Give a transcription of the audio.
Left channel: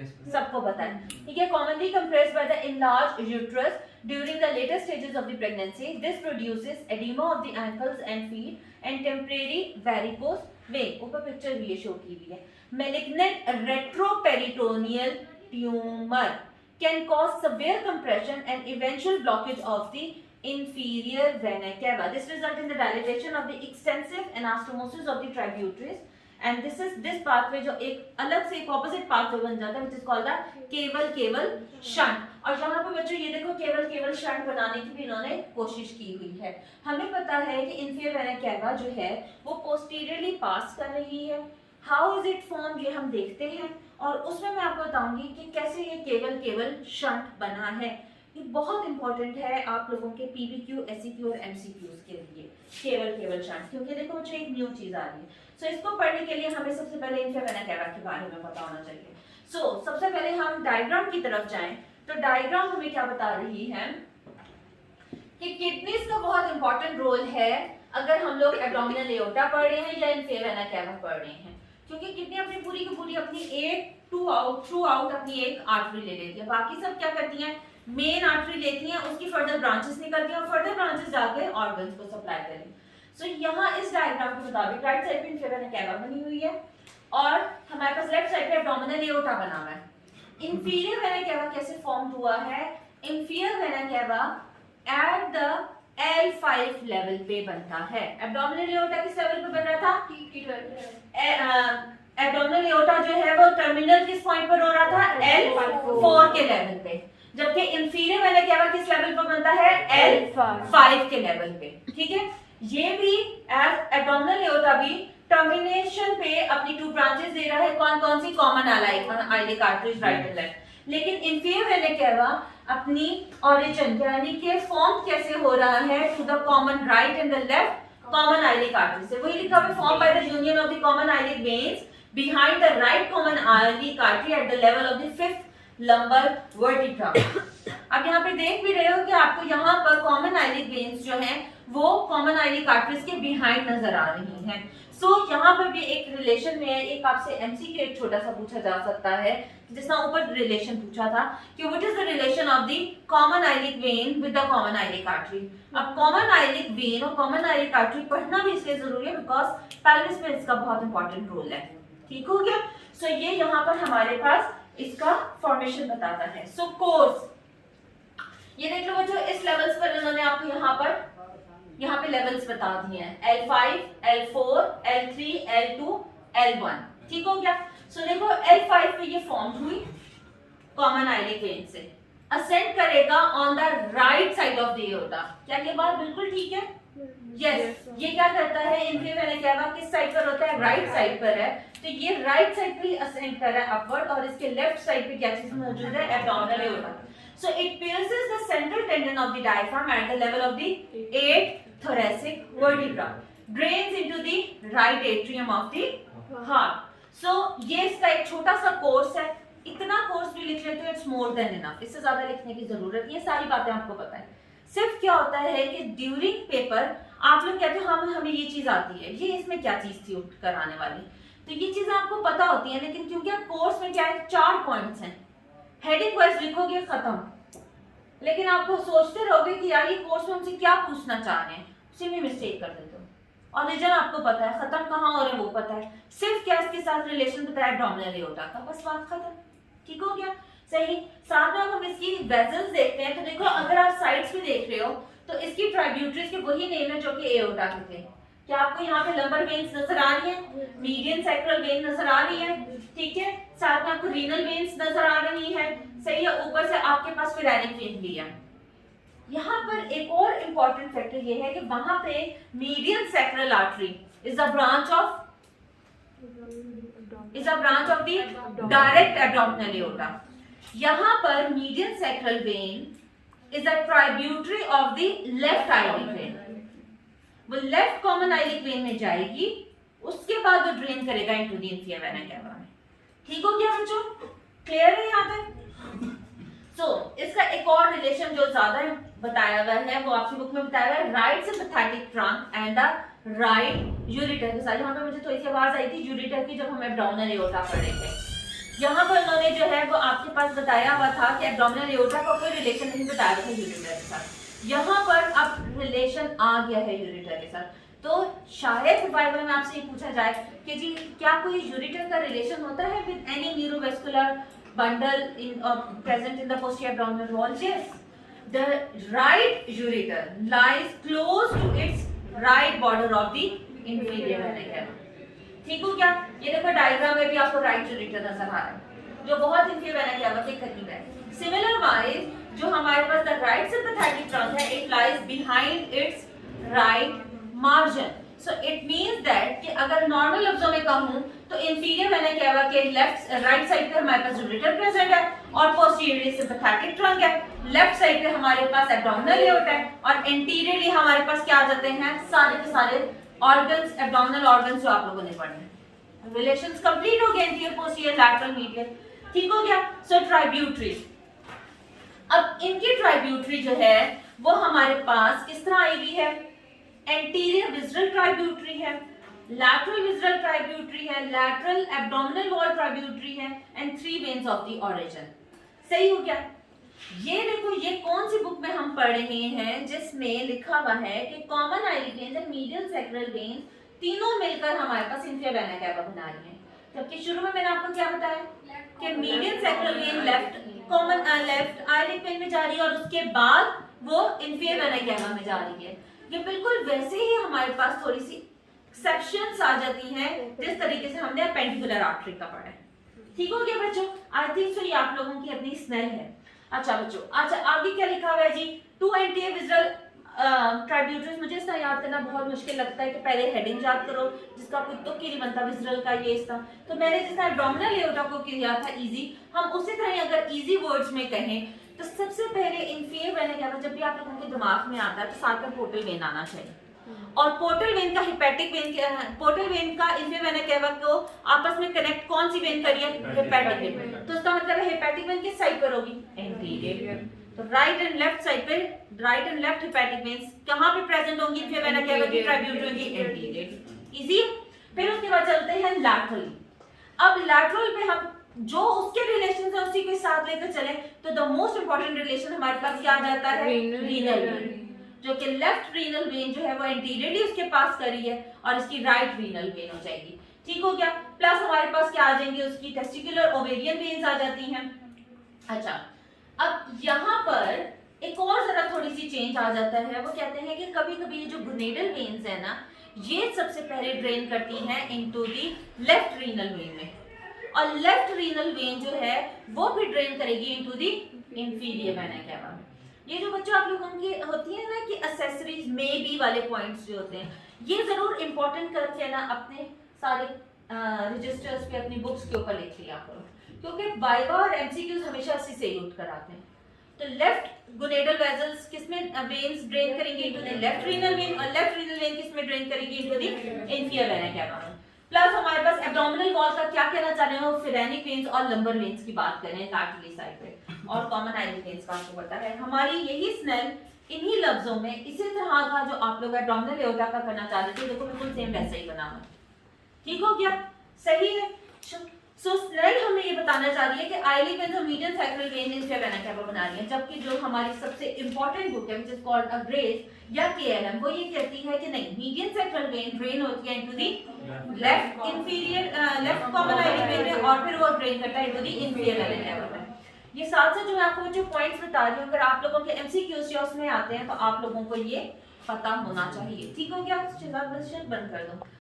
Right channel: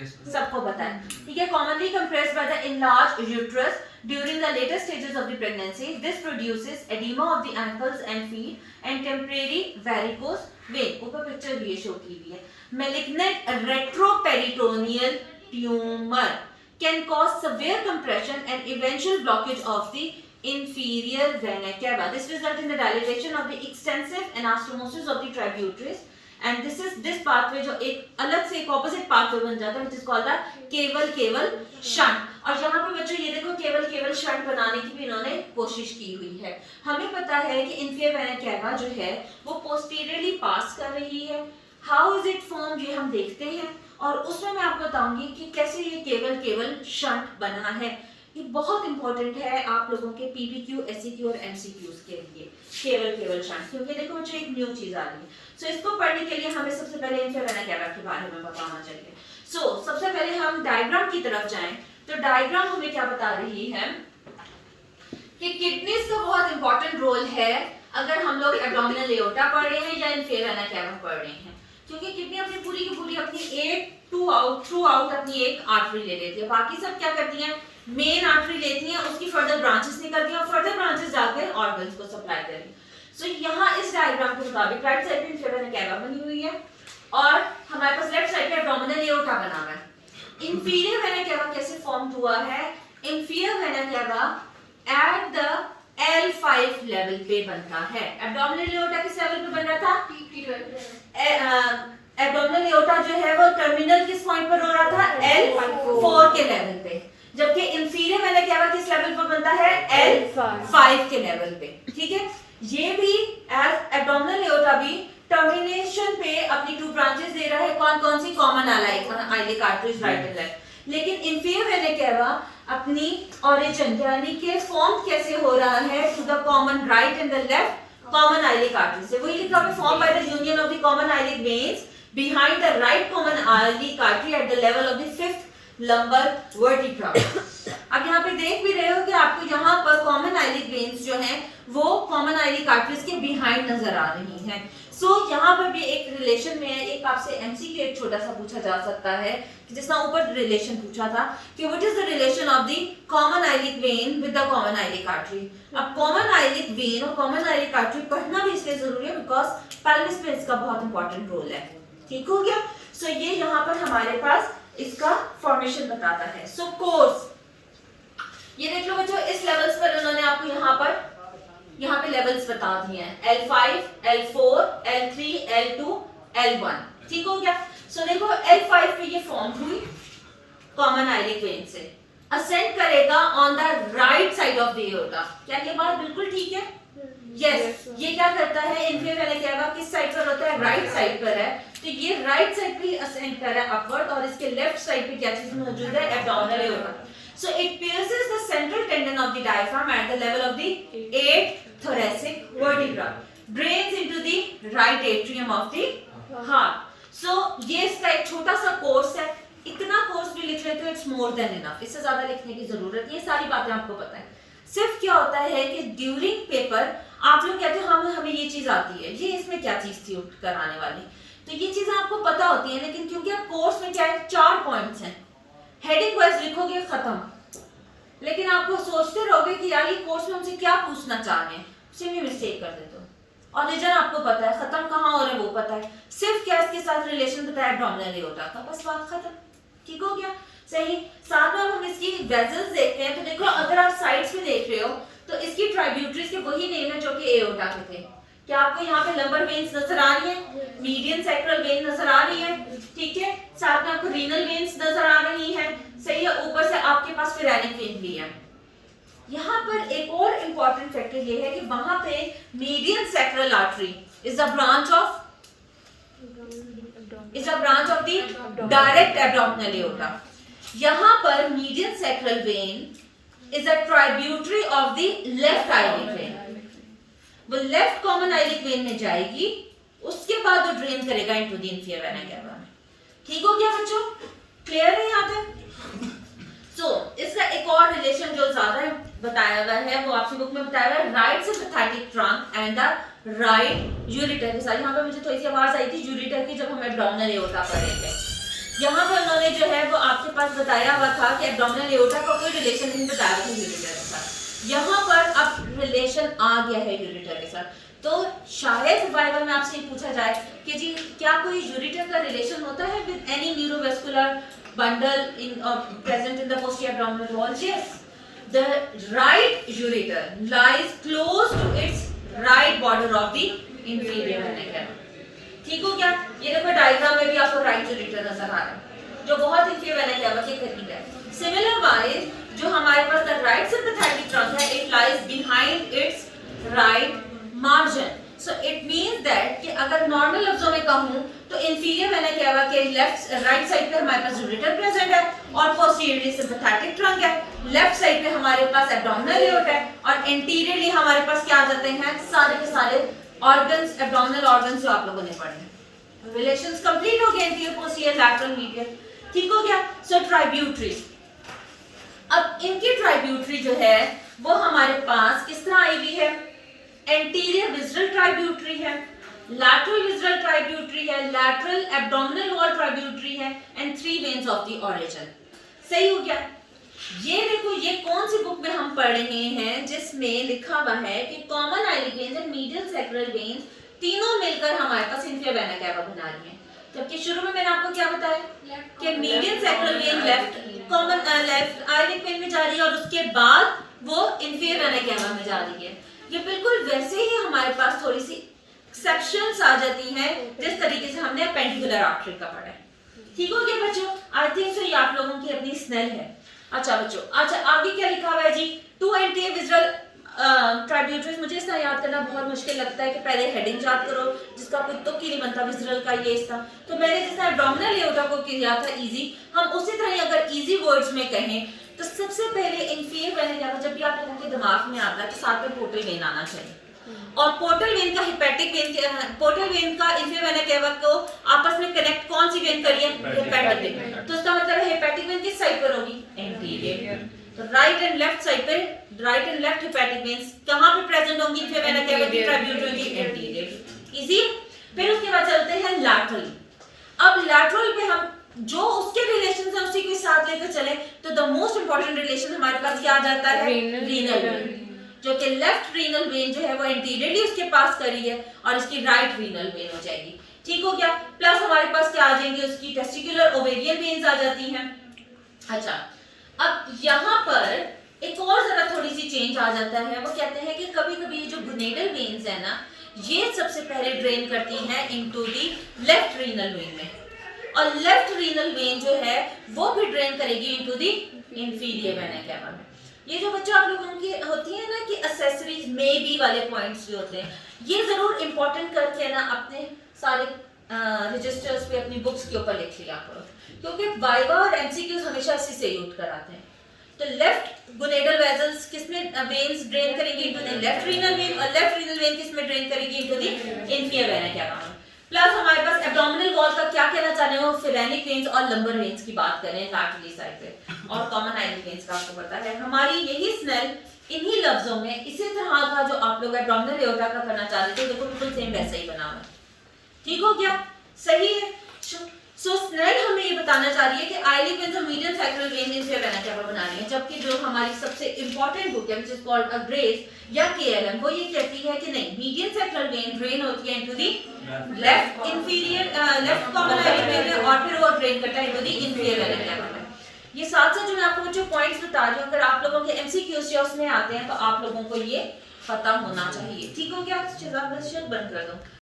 सबको पता है, ठीक है। Commonly compressed by the enlarged uterus during the later stages of the pregnancy. This produces edema of the ankles and feet and temporary varicose vein. ऊपर picture भी ये show की हुई है। Malignant retroperitoneal tumor can cause severe compression and eventual blockage of the inferior vena cava. This results in the dilatation of the extensive anastomosis of the tributaries. And this pathway जो एक अलग से एक opposite pathway बन जाता है which is called the केवल shunt. और यहाँ पे बच्चों ये देखो केवल शंट बनाने की भी इन्होंने कोशिश की हुई है। हमें पता है कि inferior vena cava जो है वो posteriorly पास कर रही है। How is it formed ये हम देखते हैं और उसमें मैं आपको बताऊंगी कि कैसे ये केवल शंट बना है। ये बहुत इंपॉर्टेंट है आप लोगों के पीपीक्यू, एससीक्यू और एमसीक्यूज के लिए केवल शंट, क्योंकि देखो बच्चों एक न्यू चीज आ रही है। सो इसको पढ़ने के लिए हमें सबसे पहले inferior vena cava के बारे में पता होना चाहिए। सबसे पहले हम डायग्राम की तरफ जाएं तो डायग्राम हमें क्या बता रही है कि किडनीज का बहुत इंपॉर्टेंट रोल है अगर हम लोग एब्डोमिनल एओर्टा पढ़ रहे हैं या inferior vena cava पढ़ रहे हैं, क्योंकि किडनी अपनी पूरी की पूरी अपनी एक थ्रू आउट अपनी एक आर्टरी ले लेती है। बाकी सब क्या करती हैं, मेन आर्टरी लेती हैं, उसकी फर्दर ब्रांचेस निकलती हैं और फर्दर ब्रांचेस जाकर ऑर्गन्स को सप्लाई करेंगी। सो यहाँ इस डायग्राम के मुताबिक राइट साइड पे inferior vena cava बनी हुई है और हमारे पास लेफ्ट साइड पे एब्डोमिनल एओर्टा बना हुआ है। inferior vena cava कैसे फॉर्म हुआ है, inferior vena cava at the L5 level पे बनता है। एब्डोमिनल एओर्टा किस लेवल पे बन रहा था, एब्डोमिनल एओर्टा जो है वो टर्मिनल किस पॉइंट पर हो रहा था, L4 के लेवल पे, जबकि inferior vena cava किस लेवल पर बनता है, L5 के लेवल पे, ठीक है। ये भी एब्डोमिनल एओर्टा भी टर्मिनेशन पे अपनी टू ब्रांचेस दे रहा है, कौन सी, common iliac arteries right and left. लेकिन inferior vena cava अपनी ओरिजिन यानी कि फॉर्म कैसे हो रहा है to the common right and the left common iliac artery से। वही लिखा है form by the union of the common iliac veins behind the right common iliac artery at the level of the fifth lumbar vertebra। अब यहाँ पे देख भी रहे हो कि आपको यहाँ पर कॉमन आइलिक वेन्स जो हैं वो कॉमन आइलिक आर्टरीज के बिहाइंड नजर आ रही हैं। यहाँ पर भी एक रिलेशन में है, एक आपसे एमसीक्यू एक छोटा सा पूछा जा सकता है कि जिसमें ऊपर रिलेशन पूछा था कि what is the relation of the common iliac when with the common iliac artery. अब कॉमन आइलिक वेन और कॉमन आइलिक आर्टरी पढ़ना भी इसलिए जरूरी है बिकॉज पेल्विस में इसका बहुत इंपॉर्टेंट रोल है, ठीक हो गया। ये यहाँ पर हमारे पास इसका फॉर्मेशन बताता है। कोर्स ये देख लो बच्चों, इस लेवल्स पर उन्होंने आपको यहाँ पे लेवल्स बता दिए हैं, L5, L4, L3, L2, L1, ठीक हो गया। देखो L5 पे ये फॉर्म हुई कॉमन आइलिक वेन से, असेंड करेगा on the right side of the aorta. क्या ये बात बिल्कुल ठीक है? यस। ये क्या करता है, inferior vena cava किस साइड पर होता है, राइट साइड पर है, तो ये राइट साइड पे असेंड कर रहा है अपवर्ड और इसके लेफ्ट साइड पे क्या चीज मौजूद है, abdominal aorta. So it pierces the central tendon of the diaphragm at the level of the 8th thoracic vertebra, drains into the right atrium of the heart. ये इसका एक छोटा सा कोर्स है, इतना कोर्स भी लिख लेते हो इट्स मोर देन इनफ, इससे ज्यादा लिखने की जरूरत नहीं है, सारी बातें आपको पता है। सिर्फ क्या होता है कि ड्यूरिंग पेपर आप लोग कहते हो हमें ये चीज आती है, ये इसमें क्या चीज थी कराने वाली, तो ये चीजें आपको पता होती है, लेकिन क्योंकि आप कोर्स में क्या है 4 पॉइंट्स हैं, हेडिंग वाइज लिखोगे खत्म, लेकिन आपको सोचते रहोगे कि यार ये कोर्स में हमसे क्या पूछना चाह रहे हैं, उसे भी मिस्टेक कर देते हो। और रीजन आपको पता है, खत्म कहाँ हो रहे हैं वो पता है, सिर्फ क्या इसके साथ रिलेशन बताया एब्डोमिनल एओर्टा का, बस बात खत्म, ठीक हो गया। सही। साथ में हम इसकी वेजल्स देखते हैं, तो देखो अगर आप साइड्स में देख रहे हो तो इसकी ट्राइब्यूटरीज के वही नेम है जो कि एओर्टा के थे। क्या आपको यहाँ पे लंबर वेन्स नजर आ रही है, मीडियन सैक्रल वेन नजर आ रही है, ठीक है, साथ में आपको रीनल वेन्स नजर आ रही है, सही है, ऊपर से आपके पास फिरेनिक वेन भी है। यहाँ पर एक और इंपॉर्टेंट फैक्टर ये है कि वहां पे median sacral artery is a branch of the direct abdominal aorta. यहाँ पर median sacral when is a tributary of the left iliac when, वो लेफ्ट कॉमन आइलिक वेन में जाएगी, उसके बाद वो ड्रेन करेगा into the inferior vena cava। ठीक हो गया बच्चों, क्लियर है यहाँ तक? इसका एक और रिलेशन जो ज्यादा बताया हुआ है वो आपकी बुक में बताया हुआ है, right sympathetic trunk and the right ureter के साथ। यहाँ पे मुझे थोड़ी सी आवाज आई थी यूरिटर की जब हम एब्डोमिनल एओर्टा पढ़ रहे थे। यहाँ पर उन्होंने जो है वो पास बताया हुआ था कि एब्डोमिनल एओर्टा का कोई रिलेशन नहीं बताया था यूरेटर के साथ, यहाँ पर अब रिलेशन आ गया है यूरेटर के साथ। तो शायद वाइवा में आपसे ये पूछा जाए कि जी क्या कोई यूरेटर का रिलेशन होता है with any neurovascular bundle in present in the posterior abdominal wall? Yes, the right ureter lies close to its right border of the inferior vena cava. ठीक हो क्या? ये देखो डायग्राम में भी आपको राइट यूरेटर नजर आ रहा है जो बहुत inferior vena cava के करीब है। Similar wise जो हमारे पास the right sympathetic trunk है, it lies behind its right margin. So it means that कि अगर नॉर्मल लफ्जों में कहूँ तो इंफीरियर वेना केवा के लेफ्ट राइट साइड पे हमारे पास यूरेटर प्रेजेंट है और पोस्टीरियरली सिंपैथेटिक ट्रंक है, लेफ्ट साइड पे हमारे पास एब्डोमिनल एओर्टा है और एंटीरियरली हमारे पास क्या आ जाते हैं सारे के सारे ऑर्गन्स, एब्डोमिनल ऑर्गन्स जो आप लोगों ने पढ़े हैं। रिलेशंस कंप्लीट हो गए एंटीरियर, पोस्टीरियर, लैटरल, मीडियल, ठीक हो गया। सो ट्राइब्यूटरी, अब इनकी ट्राइब्यूटरी जो है वो हमारे पास किस तरह आई हुई है? एंटीरियर विज़रल ट्राइब्यूटरी है, लैटरल विज़रल ट्राइब्यूटरी है, लैटरल एब्डोमिनल वॉल ट्राइब्यूटरी है and 3 veins of the origin. सही हो गया? ये देखो ये कौन सी बुक में हम पढ़ रहे हैं जिसमें लिखा हुआ है कि common iliac veins and medial sacral veins तीनों मिलकर हमारे पास इंफीरियर वेना केवा बना रही हैं। जबकि शुरू में मैंने आपको क्या बताया कि medial sacral when left common left iliac when में जा रही है और उसके बाद वो इंफीरियर वेना केवा में जा रही है। ये बिल्कुल वैसे ही हमारे पास थोड़ी सी एक्सेप्शंस आ जाती हैं जिस तरीके से हमने पेंडिकुलर आर्टरी का पढ़ा है। ठीक हो गया बच्चों? आई थिंक सो ये आप लोगों की अपनी स्नेल है। अच्छा बच्चों, अच्छा आगे क्या लिखा हुआ है जी? 2 एंटीरियर विज़रल ट्राइब्यूटरीज। मुझे इसका याद करना बहुत मुश्किल लगता है कि पहले हेडिंग याद करो जिसका कोई तुक ही नहीं बनता विज़रल का ये इसका। तो मैंने जिस तरह एब्डोमिनल एओर्टा को किया था इजी, हम उसी तरह अगर इजी वर्ड्स में कहें तो सबसे पहले इंफीरियर वेना केवा जब भी आप लोगों के दिमाग में आता है तो साथ में पोर्टल वेन आना चाहिए और पोर्टल वेन का हेपेटिक वेन, पोर्टल वेन का इंफीरियर वेना केवा को आपस में कनेक्ट कौन सी वेन करिए? Hepatic when. तो इसका मतलब है हेपेटिक वेन किस साइड पर होगी? एंटीरियर। तो राइट एंड लेफ्ट साइड पे right and left hepatic veins कहां पे प्रेजेंट होंगी? इंफीरियर वेना केवा की ट्राइब्यूटरी होगी एंटीरियर। इजी। फिर उसके बाद चलते हैं लैटरल। अब लैटरल पे हम जो उसके रिलेशन है उसी को साथ लेकर चले तो द मोस्ट इंपॉर्टेंट रिलेशन हमारे पास क्या आ जाता है? रीनल वेन, जो कि लेफ्ट रीनल वेन जो है वो एंटीरियरली उसके पास करी है और इसकी राइट रीनल वेन हो जाएगी। ठीक हो गया? प्लस हमारे पास क्या आ जाएंगे? उसकी टेस्टिकुलर ओवेरियन वेन्स आ जाती हैं। अच्छा, अब यहाँ पर एक और जरा थोड़ी सी चेंज आ जाता है। वो कहते हैं कि कभी-कभी जो गोनेडल वेन्स है ना, ये सबसे पहले ड्रेन करती हैं into the left renal vein में और लेफ्ट रीनल वेन जो है वो भी ड्रेन करेगी into the inferior vena cava में। ये जो बच्चों आप लोगों की होती है ना कि एक्सेसरीज में बी वाले पॉइंट्स जो होते हैं ये जरूर इंपॉर्टेंट करके ना अपने सारे रजिस्टर्स पे अपनी बुक्स के ऊपर लिख लिया करो क्योंकि वाइवा और एमसीक्यूज हमेशा इसी से यूज कराते हैं। तो लेफ्ट गोनेडल वेसल्स किसमें वेन्स ड्रेन करेंगे? Into the left renal vein और लेफ्ट रीनल वेन किसमें ड्रेन करेगी? Into the inferior vena cava. Plus हमारे पास एब्डोमिनल वॉल का क्या कहना चाह रहे हो? फिरेनिक वेन्स और लंबर वेन्स की बात करें लैटरली साइड पे और कॉमन आइलिक वेन्स का आपको पता है। हमारी यही स्नेल इन्हीं लफ्जों में इसी तरह का जो आप लोग एब्डोमिनल एओर्टा का करना चाह रहे थे देखो बिल्कुल सेम वैसा ही बना हुआ है। ठीक हो गया? सही है। सो स्नेल हमें ये बताना चाह रही है कि आइलिक वेन्स और medial sacral when inferior vena cava बना रही है, जबकि जो हमारी सबसे इंपॉर्टेंट बुक है which is called a grace या केएलएम वो ये कहती है कि नहीं, मीडियल सैक्रल वेन ड्रेन होती है into the left inferior left common iliac when में और फिर वो ड्रेन करता है into the inferior vena cava में। ये साथ साथ जो मैं आपको जो पॉइंट्स बता रही हूँ अगर आप लोगों के एमसीक्यूज या उसमें आते हैं तो आप लोगों को ये पता होना चाहिए। ठीक हो गया? बंद कर दो।